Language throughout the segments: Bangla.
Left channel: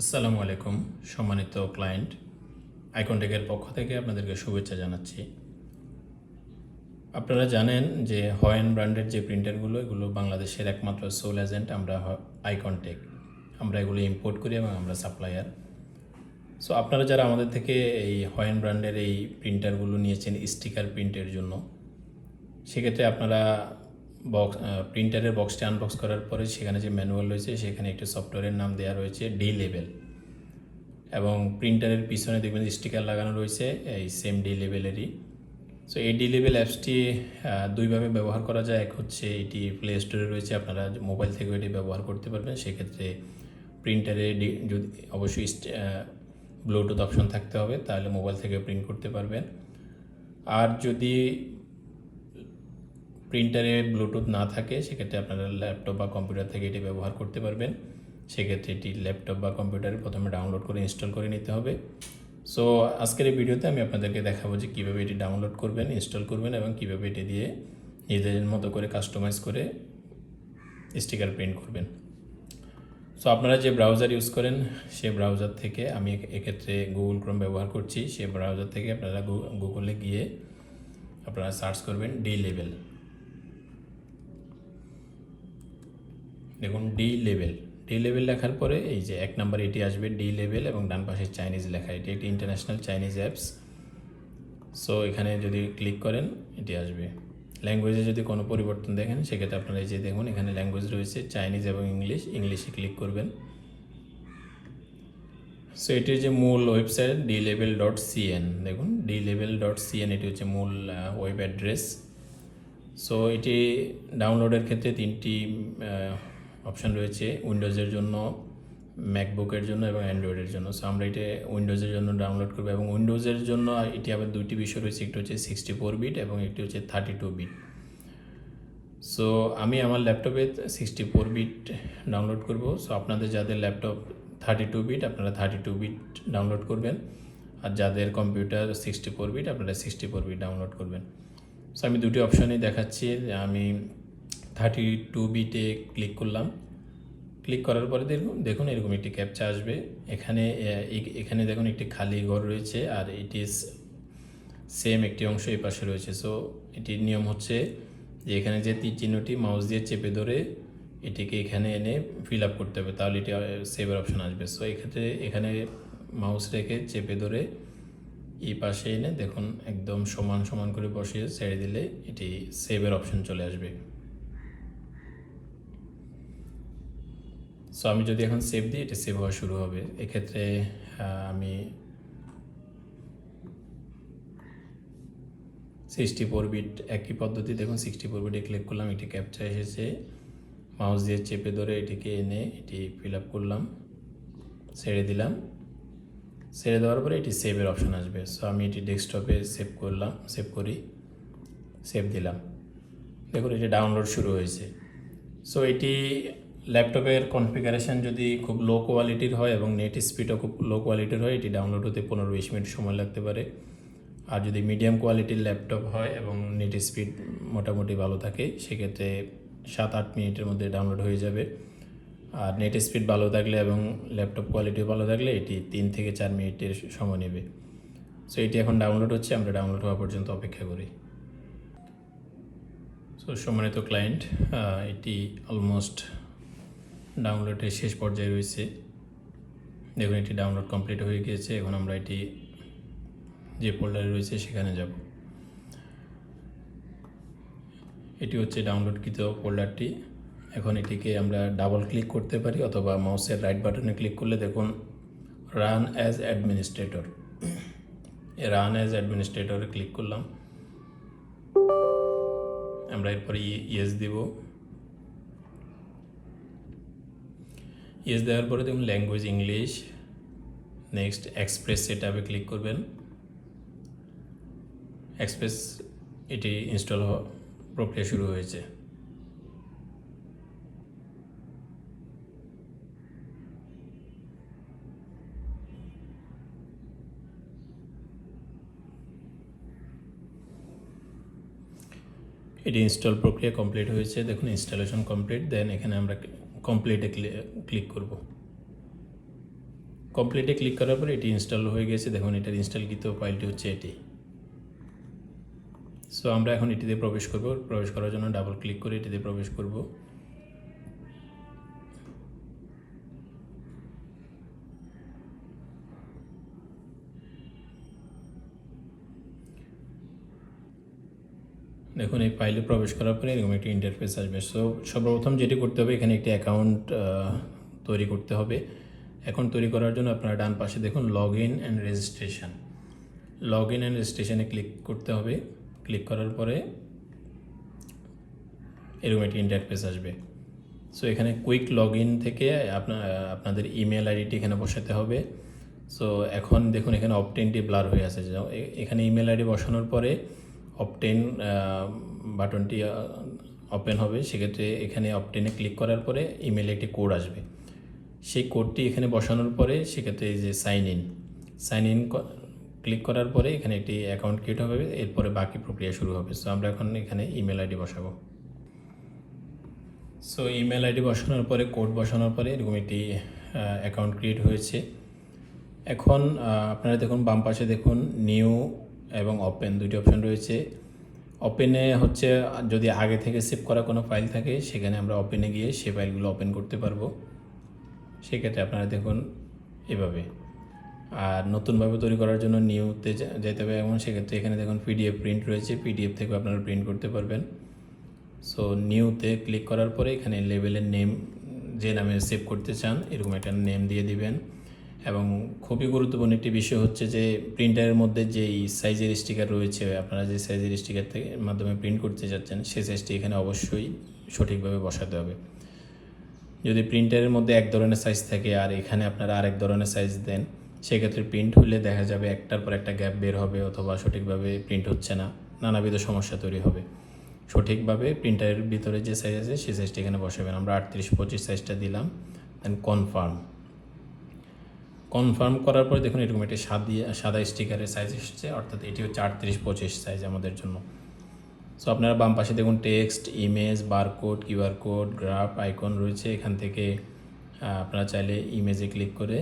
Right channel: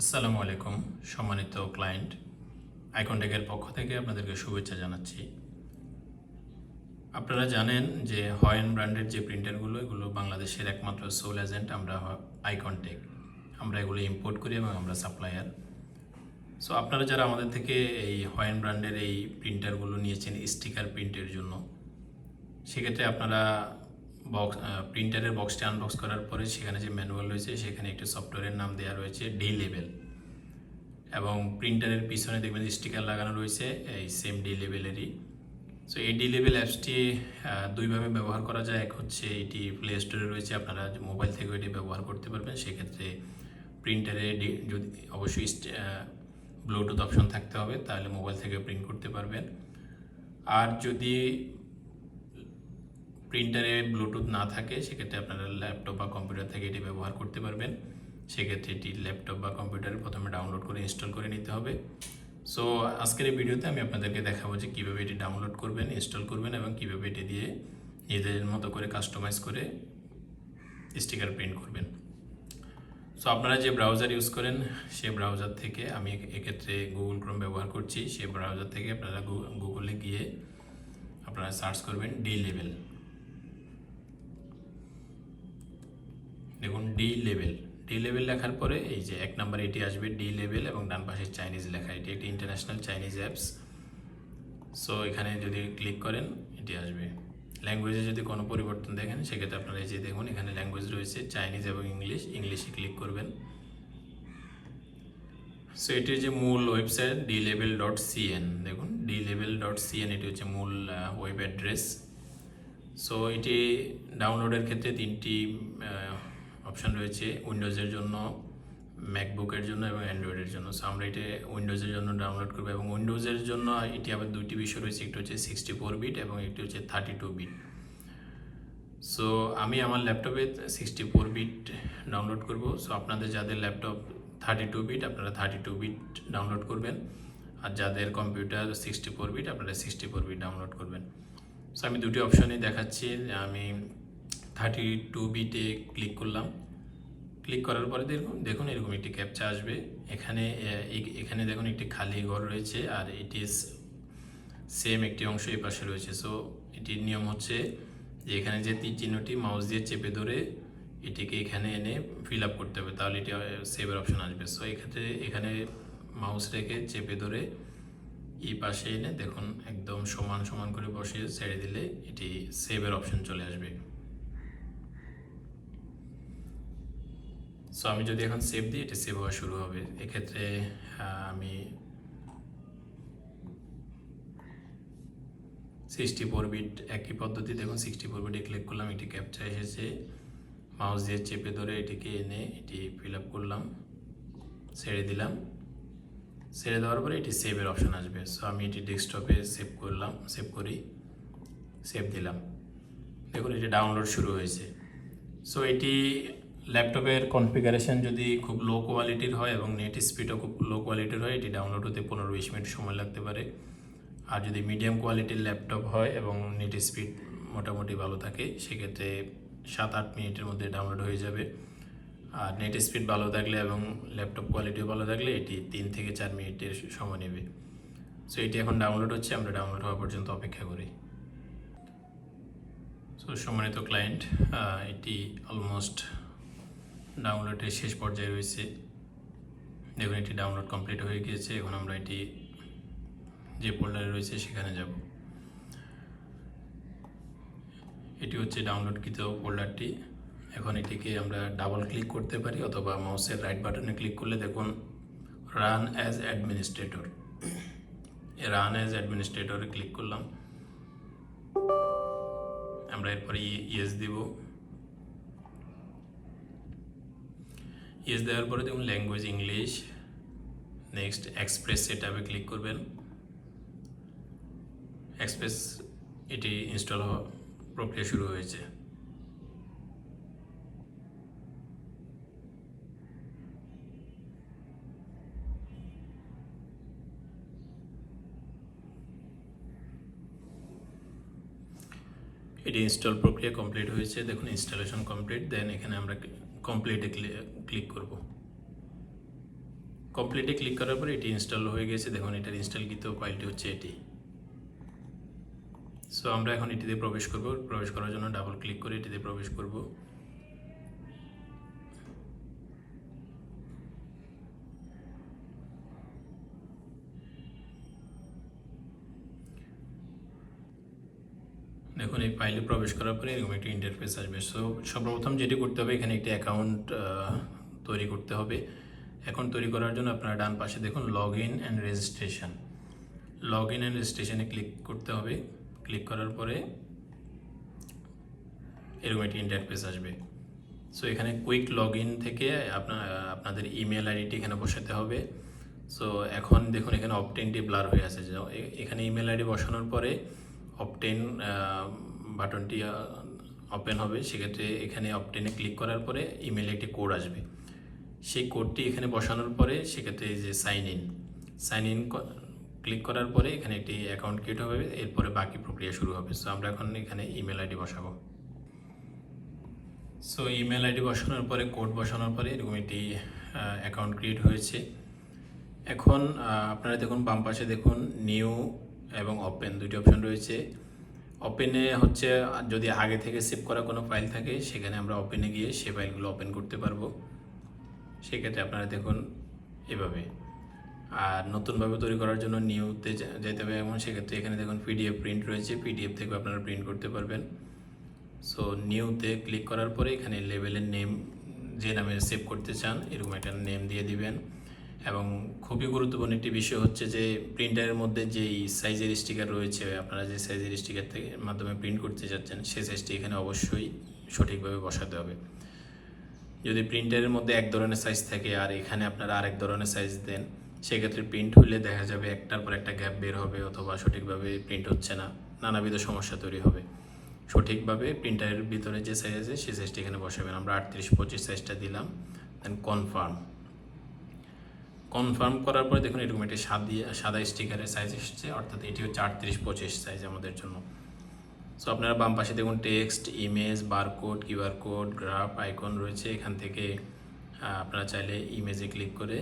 আসসালামু আলাইকুম সম্মানিত ক্লায়েন্ট, আইকনটেকের পক্ষ থেকে আপনাদেরকে শুভেচ্ছা জানাচ্ছি। আপনারা জানেন যে হয়েন ব্র্যান্ডের যে প্রিন্টারগুলো এগুলো বাংলাদেশের একমাত্র সোল এজেন্ট আমরা আইকনটেক। আমরা এগুলো ইম্পোর্ট করি এবং আমরা সাপ্লায়ার। সো আপনারা যারা আমাদের থেকে এই হয়েন ব্র্যান্ডের এই প্রিন্টারগুলো নিয়েছেন স্টিকার প্রিন্টের জন্য, সেক্ষেত্রে আপনারা প্রিন্টারের বক্সটি আনবক্স করার পরে সেখানে যে ম্যানুয়াল রয়েছে সেখানে একটি সফটওয়্যারের নাম দেওয়া রয়েছে ডি লেভেল, এবং প্রিন্টারের পিছনে দেখবেন স্টিকার লাগানো রয়েছে এই সেম ডি লেভেলেরই। সো এই ডি লেভেল অ্যাপসটি দুইভাবে ব্যবহার করা যায়। এক হচ্ছে এটি প্লে স্টোরে রয়েছে, আপনারা মোবাইল থেকেও এটি ব্যবহার করতে পারবেন। সেক্ষেত্রে প্রিন্টারে যদি অবশ্যই ব্লুটুথ অপশন থাকতে হবে, তাহলে মোবাইল থেকে প্রিন্ট করতে পারবেন। আর যদি প্রিন্টারে ব্লুটুথ না থাকে সেক্ষেত্রে আপনারা ল্যাপটপ বা কম্পিউটার থেকে এটি ব্যবহার করতে পারবেন। সেক্ষেত্রে এটি ল্যাপটপ বা কম্পিউটারে প্রথমে ডাউনলোড করে ইনস্টল করে নিতে হবে। সো আজকের এই ভিডিওতে আমি আপনাদেরকে দেখাবো যে কীভাবে এটি ডাউনলোড করবেন, ইনস্টল করবেন এবং কীভাবে এটি দিয়ে নিজেদের মতো করে কাস্টমাইজ করে স্টিকার প্রিন্ট করবেন। সো আপনারা যে ব্রাউজার ইউজ করেন সেই ব্রাউজার থেকে, আমি এক্ষেত্রে গুগল ক্রোম ব্যবহার করছি, সেই ব্রাউজার থেকে আপনারা গুগলে গিয়ে আপনারা সার্চ করবেন ডি লেভেল। দেখুন ডি লেভেল লেখার পরে এই যে এক নাম্বার এটি আসবে ডি লেভেল এবং ডান পাশে চাইনিজ লেখা, এটি একটি ইন্টারন্যাশনাল চাইনিজ অ্যাপস। সো এখানে যদি ক্লিক করেন এটি আসবে। ল্যাঙ্গুয়েজে যদি কোনো পরিবর্তন দেখেন সেক্ষেত্রে আপনারা এই যে দেখুন এখানে ল্যাঙ্গুয়েজ রয়েছে চাইনিজ এবং ইংলিশে ক্লিক করবেন। সো এটির যে মূল ওয়েবসাইট dlevel.cn, দেখুন dlevel.cn এটি হচ্ছে মূল ওয়েব অ্যাড্রেস। সো এটি ডাউনলোডের ক্ষেত্রে তিনটি অপশান রয়েছে, উইন্ডোজের জন্য, ম্যাকবুকের জন্য এবং অ্যান্ড্রয়েডের জন্য। সো আমরা এটা উইন্ডোজের জন্য ডাউনলোড করবো, এবং উইন্ডোজের জন্য এটি আবার দুইটি বিষয় রয়েছে, একটি হচ্ছে 64 বিট এবং একটি হচ্ছে 32 বিট। সো আমি আমার ল্যাপটপে 64 বিট ডাউনলোড করব। সো আপনাদের যাদের ল্যাপটপ 32 বিট আপনারা 32 বিট ডাউনলোড করবেন, আর যাদের কম্পিউটার 64 বিট আপনারা 64 বিট ডাউনলোড করবেন। সো আমি দুটি অপশানই দেখাচ্ছি। আমি 32 বিটে ক্লিক করলাম। ক্লিক করার পরে দেখুন এরকম একটি ক্যাপচা আসবে। এখানে দেখুন একটি খালি ঘর রয়েছে, আর এটি সেম একটি অংশ এই পাশে রয়েছে। সো এটির নিয়ম হচ্ছে যে এখানে যে তীর চিহ্নটি মাউস দিয়ে চেপে ধরে এটিকে এখানে এনে ফিল আপ করতে হবে, তাহলে এটি সেভের অপশান আসবে। সো এক্ষেত্রে এখানে মাউস রেখে চেপে ধরে এই পাশে এনে দেখুন একদম সমান সমান করে বসিয়ে ছেড়ে দিলে এটি সেভের অপশান চলে আসবে। সো আমি যদি এখন সেভ দিই এটি সেভ হওয়া শুরু হবে। এক্ষেত্রে আমি 64 বিট একই পদ্ধতি, দেখুন 64 বিটে ক্লিক করলাম, এটি ক্যাপচা এসেছে, মাউস দিয়ে চেপে ধরে এটিকে এনে এটি ফিল আপ করলাম, ছেড়ে দিলাম। ছেড়ে দেওয়ার পরে এটি সেভের অপশান আসবে। সো আমি এটি ডেস্কটপে সেভ করি, সেভ দিলাম। দেখুন এটি ডাউনলোড শুরু হয়েছে। সো এটি ল্যাপটপের কনফিগারেশন যদি খুব লো কোয়ালিটির হয় এবং নেট স্পিডও খুব লো কোয়ালিটির হয় এটি ডাউনলোড হতে 15-20 মিনিট সময় লাগতে পারে। আর যদি মিডিয়াম কোয়ালিটির ল্যাপটপ হয় এবং নেট স্পিড মোটামুটি ভালো থাকে সেক্ষেত্রে 7-8 মিনিটের মধ্যে ডাউনলোড হয়ে যাবে। আর নেট স্পিড ভালো থাকলে এবং ল্যাপটপ কোয়ালিটিও ভালো থাকলে এটি 3 থেকে 4 মিনিটের সময় নেবে। সো এটি এখন ডাউনলোড হচ্ছে, আমরা ডাউনলোড হওয়া পর্যন্ত অপেক্ষা করি। সো সম্মানিত ক্লায়েন্ট, এটি অলমোস্ট ডাউনলোডের শেষ পর্যায়ে রয়েছে। দেখুন এটি ডাউনলোড কমপ্লিট হয়ে গিয়েছে। এখন আমরা এটি যে ফোল্ডারে রয়েছে সেখানে যাব। এটি হচ্ছে ডাউনলোডকৃত ফোল্ডারটি। এখন এটিকে আমরা ডাবল ক্লিক করতে পারি অথবা মাউসের রাইট বাটনে ক্লিক করলে দেখুন run as administrator, run as অ্যাডমিনিস্ট্রেটরে ক্লিক করলাম। আমরা এরপরে ইয়েস দেব। ইয়েস দেওয়ার পরে দেখুন ল্যাঙ্গুয়েজ ইংলিশ, নেক্সট এক্সপ্রেস সেটআপে ক্লিক করবেন। এক্সপ্রেস এটি ইনস্টল হওয়া প্রক্রিয়া শুরু হয়েছে। এটি ইনস্টল প্রক্রিয়া কমপ্লিট হয়েছে, দেখুন ইনস্টলেশন কমপ্লিট। দেন এখানে আমরা কমপ্লিটে ক্লিক করব। কমপ্লিটে ক্লিক করার পরে এটি ইনস্টল হয়ে গেছে। দেখুন এটার ইনস্টলকৃত ফাইলটি হচ্ছে এটি। সো আমরা এখন এটিতে প্রবেশ করব। প্রবেশ করার জন্য ডাবল ক্লিক করে এটিতে প্রবেশ করব। দেখুন এই ফাইলে প্রবেশ করার পরে এরকম একটি ইন্টারফেস আসবে। সো সর্বপ্রথম যেটি করতে হবে, এখানে একটি অ্যাকাউন্ট তৈরি করতে হবে। অ্যাকাউন্ট তৈরি করার জন্য আপনারা ডান পাশে দেখুন log in and registration, log in and রেজিস্ট্রেশনে ক্লিক করতে হবে। ক্লিক করার পরে এরকম একটি ইন্টারফেস আসবে। সো এখানে কুইক লগ ইন থেকে আপনাদের ইমেল আইডিটি এখানে বসাতে হবে। সো এখন দেখুন এখানে অপটেনটি ব্লার হয়ে আছে। এখানে ইমেল আইডি বসানোর পরে অপটেন বাটনটি ওপেন হবে। সেক্ষেত্রে এখানে অপটেনে ক্লিক করার পরে ইমেলে একটি কোড আসবে। সেই কোডটি এখানে বসানোর পরে সেক্ষেত্রে এই যে সাইন ইন ক্লিক করার পরে এখানে একটি অ্যাকাউন্ট ক্রিয়েট হবে। এরপরে বাকি প্রক্রিয়া শুরু হবে। সো আমরা এখন এখানে ইমেল আইডি বসাবো। সো ইমেল আইডি বসানোর পরে কোড বসানোর পরে এরকম একটি অ্যাকাউন্ট ক্রিয়েট হয়েছে। এখন আপনারা দেখুন বাম পাশে দেখুন নিউ এবং ওপেন দুটি অপশন রয়েছে। ওপেনে হচ্ছে যদি আগে থেকে সেভ করা কোনো ফাইল থাকে সেখানে আমরা ওপেনে গিয়ে সে ফাইলগুলো ওপেন করতে পারবো। সেক্ষেত্রে আপনারা দেখুন এভাবে। আর নতুনভাবে তৈরি করার জন্য নিউতে যেতে হবে। এবং সেক্ষেত্রে এখানে দেখুন পিডিএফ প্রিন্ট রয়েছে, পিডিএফ থেকে আপনারা প্রিন্ট করতে পারবেন। সো নিউতে ক্লিক করার পরে এখানে লেবেলের নেম যে নামে সেভ করতে চান এরকম একটা নেম দিয়ে দিবেন। এবং খুবই গুরুত্বপূর্ণ একটি বিষয় হচ্ছে যে প্রিন্টারের মধ্যে যেই সাইজের স্টিকার রয়েছে, আপনারা যে সাইজের স্টিকার থেকে মাধ্যমে প্রিন্ট করতে যাচ্ছেন সেই সাইজটি এখানে অবশ্যই সঠিকভাবে বসাতে হবে। যদি প্রিন্টারের মধ্যে এক ধরনের সাইজ থাকে আর এখানে আপনারা আরেক ধরনের সাইজ দেন, সেক্ষেত্রে প্রিন্ট হলে দেখা যাবে একটার পর একটা গ্যাপ বের হবে অথবা সঠিকভাবে প্রিন্ট হচ্ছে না, নানাবিধ সমস্যা তৈরি হবে। সঠিকভাবে প্রিন্টারের ভিতরে যে সাইজ আছে সেই সাইজটি এখানে বসাবেন। আমরা 38-25 সাইজটা দিলাম। দেন কনফার্ম করার পরে দেখুন এরকম একটি সাদা স্টিকারের সাইজ এসেছে, অর্থাৎ এটি হচ্ছে 38-25 সাইজ আমাদের জন্য। সো আপনারা বাম পাশে দেখুন text, image, barcode, QR code, graph, icon রয়েছে। এখান থেকে আপনারা চাইলে ইমেজে ক্লিক করে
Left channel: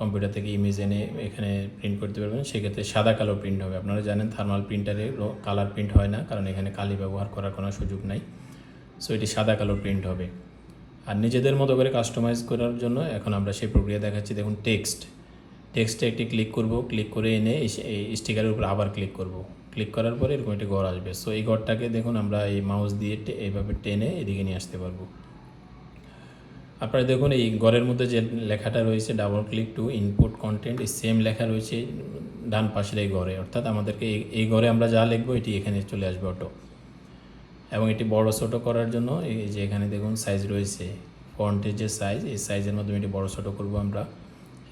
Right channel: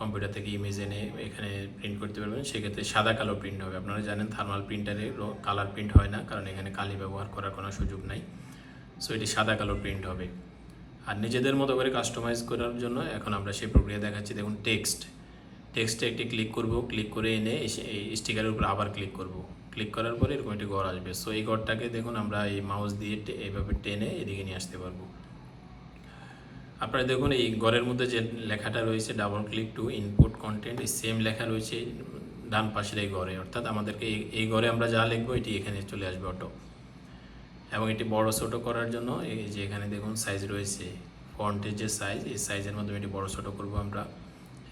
কম্পিউটার থেকে ইমেজ এনে এখানে প্রিন্ট করতে পারবেন। সেক্ষেত্রে সাদা কালো প্রিন্ট হবে। আপনারা জানেন থার্মাল প্রিন্টারে কালার প্রিন্ট হয় না, কারণ এখানে কালি ব্যবহার করার কোনো সুযোগ নাই। সো এটি সাদা কালো প্রিন্ট হবে। আর নিজেদের মতো করে কাস্টমাইজ করার জন্য এখন আমরা সেই প্রক্রিয়া দেখাচ্ছি। দেখুন টেক্সটে একটি ক্লিক করব, ক্লিক করে এনে এই স্টিকারের উপর আবার ক্লিক করব। ক্লিক করার পরে এরকম একটি ঘর আসবে। সো এই ঘরটাকে দেখুন আমরা এই মাউস দিয়ে এইভাবে টেনে এদিকে নিয়ে আসতে পারবো। আপনারা দেখুন এই ঘরের মধ্যে যে লেখাটা রয়েছে double click to input content, এই সেম লেখা রয়েছে ডান পাশের এই ঘরে। অর্থাৎ আমাদেরকে এই ঘরে আমরা যা লিখবো এটি এখানে চলে আসবে অটো। এবং এটি বড় ছোটো করার জন্য এই যে এখানে দেখুন সাইজ রয়েছে, ফন্টের যে সাইজ, এই সাইজের মাধ্যমে এটি বড় ছোটো করবো আমরা।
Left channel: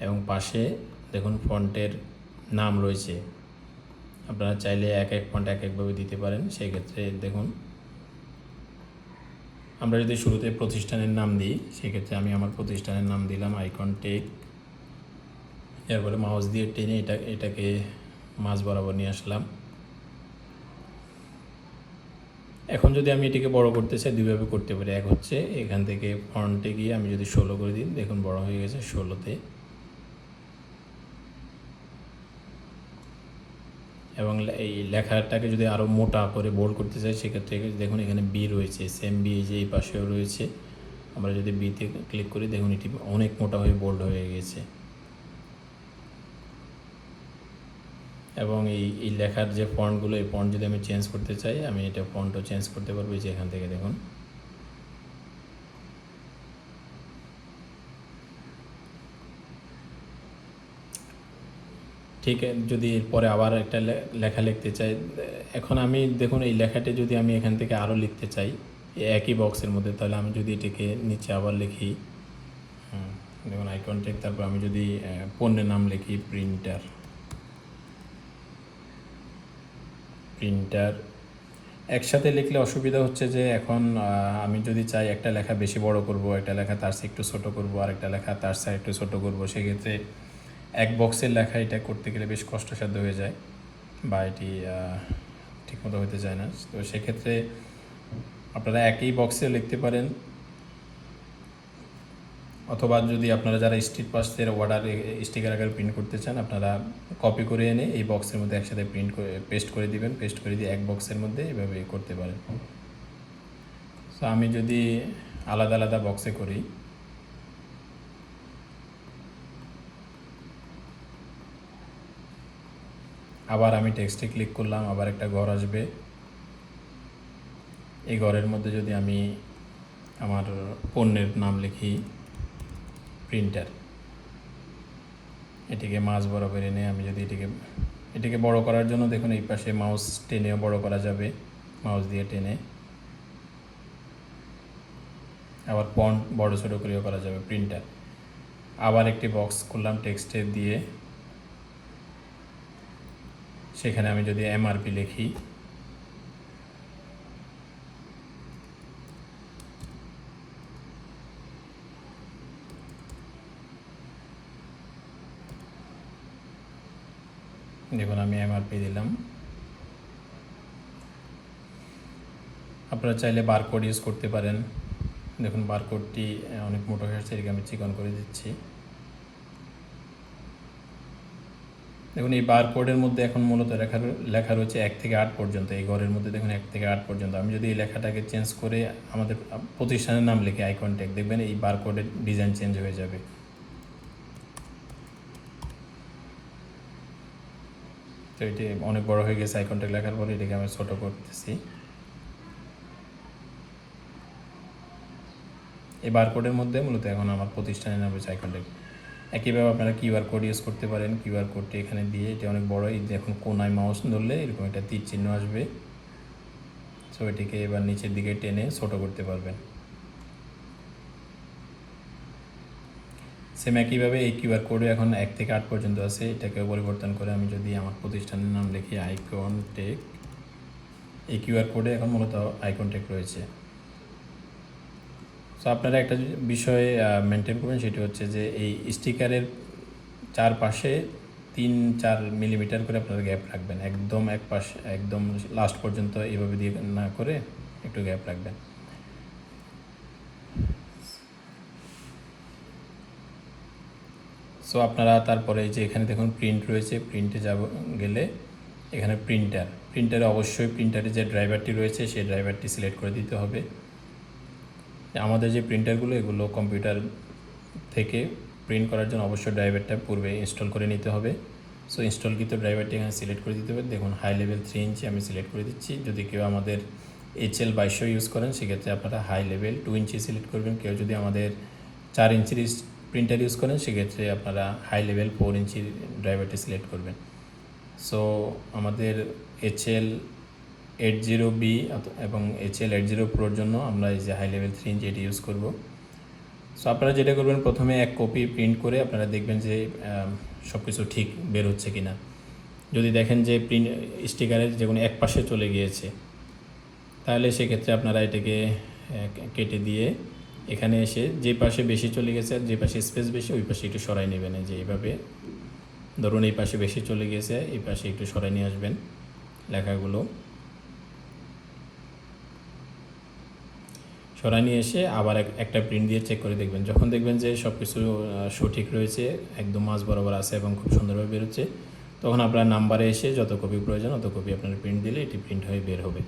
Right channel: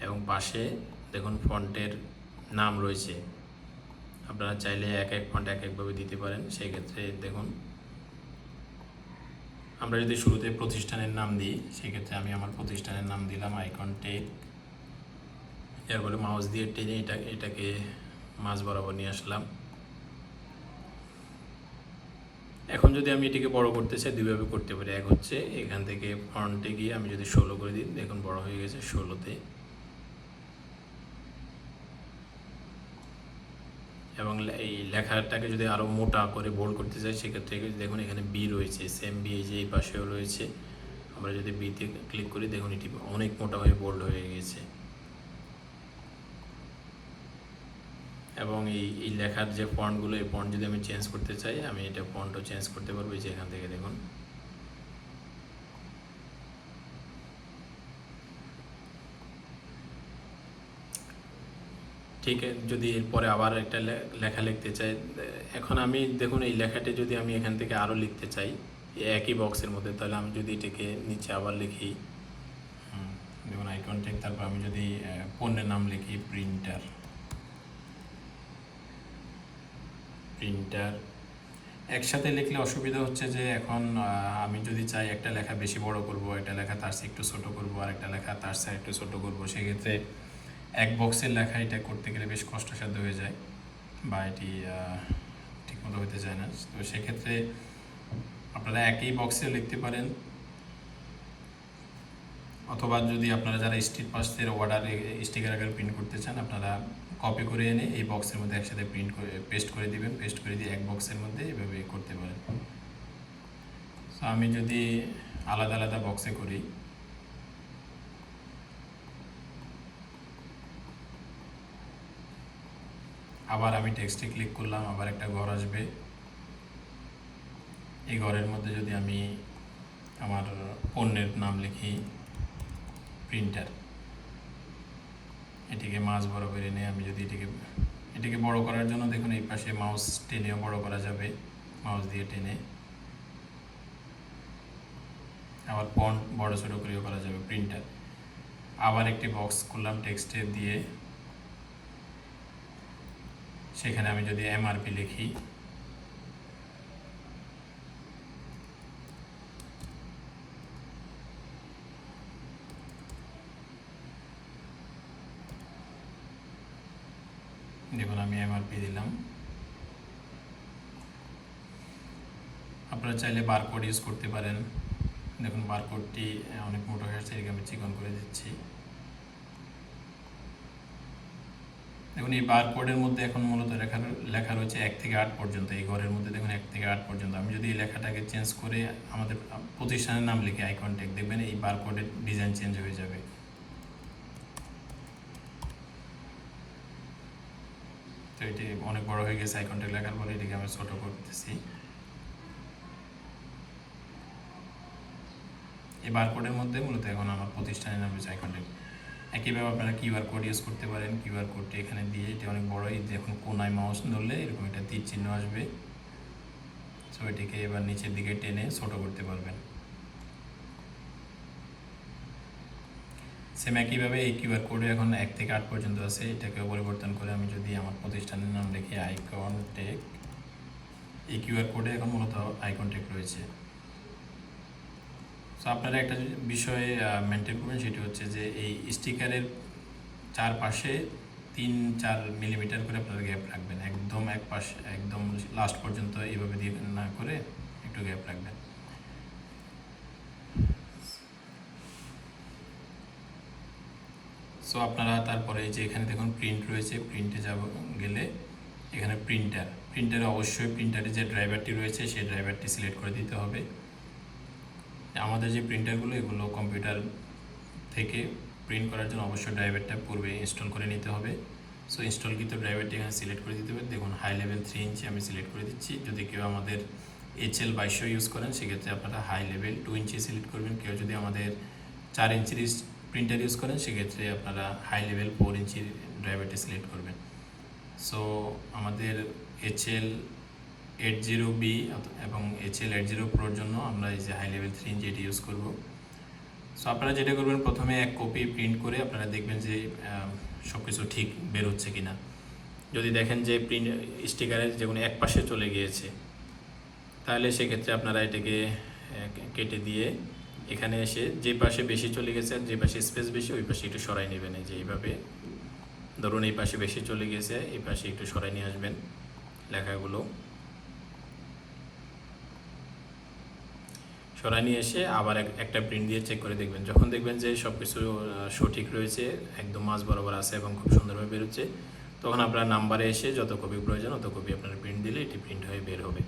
এবং পাশে দেখুন ফন্টের নাম রয়েছে, আপনারা চাইলে এক এক ফন্ট এক একভাবে দিতে পারেন। সেই ক্ষেত্রে দেখুন আমরা যদি শুরুতে প্রতিষ্ঠানের নাম দিই, সেক্ষেত্রে আমি আমার প্রতিষ্ঠানের নাম দিলাম আইকন টেক। এরপরে মাউস দিয়ে টেনে এটাকে মাঝ বরাবর নিয়ে আসলাম। এখন যদি আমি এটিকে বড় করতে চাই দুইভাবে করতে পারি। এক হচ্ছে এখান থেকে ফন্টে গিয়ে আমি যদি 16 করে দিই, দেখুন বড় হয়ে গেছে 16তে। এবং এই লেখাটাকে যদি আরও মোটা করে বোল্ড করতে চাই, সেক্ষেত্রে দেখুন এখানে বি রয়েছে, সেম বি যে এই পাশেও রয়েছে। আমরা যদি বিতে ক্লিক করি দেখুন এটি অনেক মোটা হয়ে বোল্ড হয়ে গেছে। এবং এই লেখার যে ফন্টগুলো, এই ফন্ট যদি আমি চেঞ্জ করতে চাই, আমি এটা ফন্টও চেঞ্জ করতে পারবো। যে এখান থেকে দেখুন ঠিক যদি এরপরে আবার একটা লেখা লিখতে চাই, এখন আমি দেখুন এই লেখাটি যদি আমি এখান থেকে আরও লিখতে চাই একই বক্সের মধ্যে, তাহলে আমি যদি এটাকে নিচে আবার লিখি, দেখুন আইকন টেক, তারপর আমি যদি পণ্যের নাম লিখি প্রিন্টার একসাথে লিখলে অসুবিধা হচ্ছে যে এখন আমি যদি চাই একটা লেখা বেশি বড় করব, একটা লেখা তার চেয়ে একটু ছোটো করব, আর একটা লেখা তার চেয়ে একটু ছোটো করব, সেক্ষেত্রে এক বক্সের লেখা এটা করতে গেলে বেশ কষ্টসাধ্য হয়ে যায় বা এটি ঠিকমতো হতে চায় না। তো সেক্ষেত্রে আপনারা একই বক্সে লিখতে পারেন অথবা যদি আপনারা যারা স্ট্রিট পাসের অর্ডার স্টিকার আকারে প্রিন্ট করতে চান, আপনারা কপি করে এনে এই বক্সের মধ্যে একসাথে প্রিন্ট করে পেস্ট করে দিবেন। পেস্ট করে দিয়ে এক বক্সের মধ্যে এভাবে করতে পারেন। সো আমি যদি আলাদা আলাদা বক্সে করি, আবার আমি টেক্সটে ক্লিক করলাম, আবার একটা ঘর আসবে। এই ঘরের মধ্যে যদি আমি আমার পণ্যের নাম লিখি প্রিন্টার, এটিকে মাঝ বরাবর এনে আমি যদি এটিকে বড় করার জন্য দেখুন এই পাশে মাউস টেনেও বড় করা যাবে, মাউস দিয়ে টেনে। আবার ফন্ট বড় ছোটো করেও করা যাবে প্রিন্টার। আবার একটি বক্স করলাম টেক্সটে দিয়ে, সেখানে আমি যদি এমআরপি লিখি, দেখুন আমি এমআরপি দিলাম। আপনারা চাইলে বারকোড ইউজ করতে পারেন। দেখুন বারকোডটি অনেক মোটো হয়ে আসছে, এটাকে আমি চিকন করে দিচ্ছি। দেখুন এই বারকোডের মধ্যে এখন মূলত লেখা রয়েছে 1 থেকে 8 পর্যন্ত। এই ঘরের মধ্যে দেখুন 1 থেকে 8 পর্যন্ত। আমি যদি এই লেখাটাকে চেঞ্জ করে আমাদের প্রতিষ্ঠানের নাম লিখে আইকন ট্যাগ, দেখবেন এই বারকোডের ডিজাইন চেঞ্জ হয়ে যাবে। তো এটি অনেক বড় হয়ে গেছে আইকন ট্যাগ লেখার পরে, এটাকে আমি ছোটো করতেছি। এই বারকোডের মধ্যে মূলত এখন আমার প্রতিষ্ঠানের নাম রয়েছে আইকন ট্যাগ। একইভাবে আপনারা কিউআর কোড ইউজ করতে পারেন। কিউআর কোডটি এখানে দিয়ে, এটি অনেক বড়, এই দেখুন কোনায় মাউস ধরলে এরকম একটা তীর চিহ্ন আসবে। সো এটিকে এবার নিচের দিকে টেনে ছোটো করতে পারবেন। সেম একইভাবে এই কিউআর কোডে এখন 1 থেকে 8 পর্যন্ত আছে। এটাকে পরিবর্তন করে আমি যদি আমার প্রতিষ্ঠানের নাম লিখি আইকন টেক, এই কিউআর কোডে এখন মূলত আইকন টেক রয়েছে। সো আপনারা একটা বিষয় মেনটেন করবেন, সেটি হচ্ছে যে এই স্টিকারের চারপাশে 3-4 মিলিমিটার করে আপনারা গ্যাপ রাখবেন। একদম এক পাশে একদম লাস্ট পর্যন্ত এইভাবে দিয়ে না করে একটু গ্যাপ রাখবেন। সো আপনারা তারপরে এই যে এখানে দেখুন প্রিন্ট রয়েছে, প্রিন্টে গেলে এখানে প্রিন্টারে অবশ্যই প্রিন্টারে যে ড্রাইভারটি রয়েছে সেই ড্রাইভারটি সিলেক্ট করে দিতে হবে। আমাদের যে প্রিন্টারগুলো, এগুলো কম্পিউটার থেকে প্রিন্ট করার জন্য অবশ্যই ড্রাইভারটা পূর্বে ইনস্টল করে নিতে হবে। সো ইনস্টলকৃত ড্রাইভারটি এখানে সিলেক্ট করে দিতে হবে। দেখুন হাই লেভেল 3 ইঞ্চি আমি সিলেক্ট করে দিচ্ছি। যদি কেউ আমাদের HL 2200 ইউজ করেন, সেক্ষেত্রে আপনারা হাই লেভেল 2 ইঞ্চি সিলেক্ট করবেন। কেউ যদি আমাদের 4 ইঞ্চির প্রিন্টার ইউজ করেন, সেক্ষেত্রে আপনারা হাই লেভেল 4 ইঞ্চির ড্রাইভারটি সিলেক্ট করবেন। সো আমাদের HL 80B এবং HL 80 Proর জন্য আমরা এই যে হাই লেভেল 3 ইঞ্চি এটি ইউজ করব। সো আপনারা যেটা করবেন, প্রথমে এক কপি প্রিন্ট করে আপনারা দেখবেন যে সব কিছু ঠিক বের হচ্ছে কিনা। যদি দেখেন যে প্রিন্ট স্টিকারের যে কোনো এক পাশে চলে গিয়েছে, তাহলে সেক্ষেত্রে আপনারা এটাকে কেটে দিয়ে এখানে এসে যে পাশে বেশি চলে গেছে আর যে পাশে স্পেস বেশি, ওই পাশে একটু সরাই নেবেন। যে এইভাবে ধরুন এই পাশে বেশি চলে গেছে, এই পাশে একটু সরাই নিয়ে আসবেন লেখাগুলো। সরাই নিয়ে এসে আবার একটা প্রিন্ট দিয়ে চেক করে দেখবেন। যখন দেখবেন যে সব কিছু সঠিক রয়েছে, একদম মাঝ বরাবর আছে এবং খুব সুন্দরভাবে বেরোচ্ছে, তখন আপনার নাম্বারে এসে যত কপি প্রয়োজন অত কপি আপনার প্রিন্ট দিলে এটি প্রিন্ট হয়ে বের হবে।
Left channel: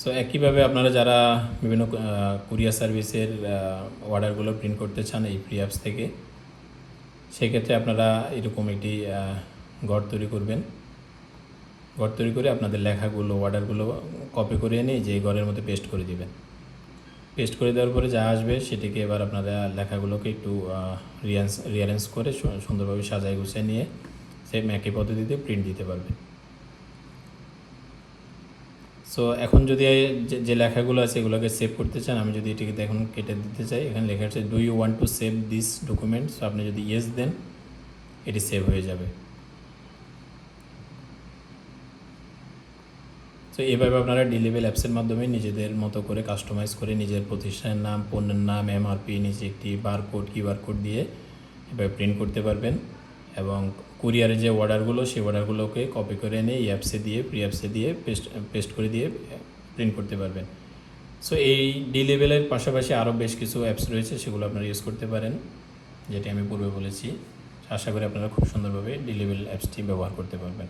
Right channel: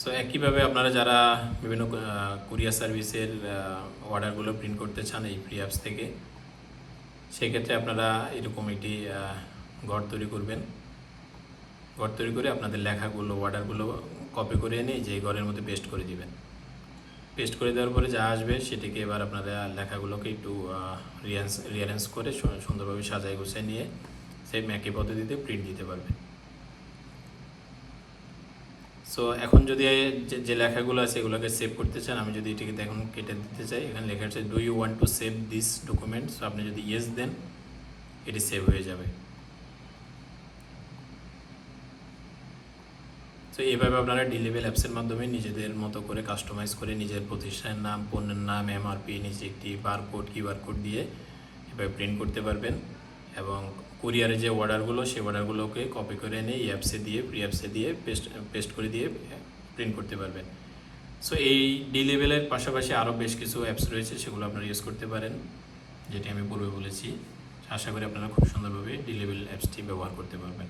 সো একইভাবে আপনারা যারা বিভিন্ন কুরিয়ার সার্ভিসের অর্ডারগুলো প্রিন্ট করতে চান এই ফ্রি অ্যাপস থেকে, সেক্ষেত্রে আপনারা এরকম একটি ঘর তৈরি করবেন। ঘর তৈরি করে আপনাদের লেখাগুলো, অর্ডারগুলো কপি করে এনে যে ঘরের মধ্যে পেস্ট করে দিবেন। পেস্ট করে দেওয়ার পরে যা আসবে সেটিকে এবার আপনারা লেখাগুলোকে একটু রিঅ্যারেঞ্জ করে সুন্দরভাবে সাজায় গুছিয়ে নিয়ে সেম একই পদ্ধতিতে প্রিন্ট দিতে পারবেন। সো এখন যদি যে লেখাগুলো আছে এগুলোকে সেভ করতে চান, আমি যদি এটিকে দেখুন কেটে দিতে চাই, এখানে লেখা আছে do you want to save this document. So আপনি যদি ইয়েস দেন, এটি সেভ হয়ে যাবে। তো এইভাবে আপনারা ডিলেবেল অ্যাপসের মাধ্যমে নিজেদের মতো করে কাস্টমাইজ করে নিজের প্রতিষ্ঠানের নাম, পণ্যের নাম, এমআরপি, নিচে একটি বারকোড, কিউআর কোড দিয়ে এভাবে প্রিন্ট করতে পারবেন। এবং কুরিয়ারের যে অর্ডারগুলো, সেই অর্ডারগুলোকে কপি করে এনে এই অ্যাপসে দিয়ে, ফ্রি অ্যাপসে দিয়ে পেস্ট করে দিয়ে প্রিন্ট করতে পারবেন। সো এই ডি লেভেলের পাশাপাশি আরও বেশ কিছু অ্যাপস রয়েছে, সেগুলো আপনারা ইউজ করতে পারেন, যেটি আমি পূর্বে বলেছি। আশা করি আপনারা খুব সুন্দরভাবে ডি লেভেল অ্যাপসটি ব্যবহার করতে পারবেন।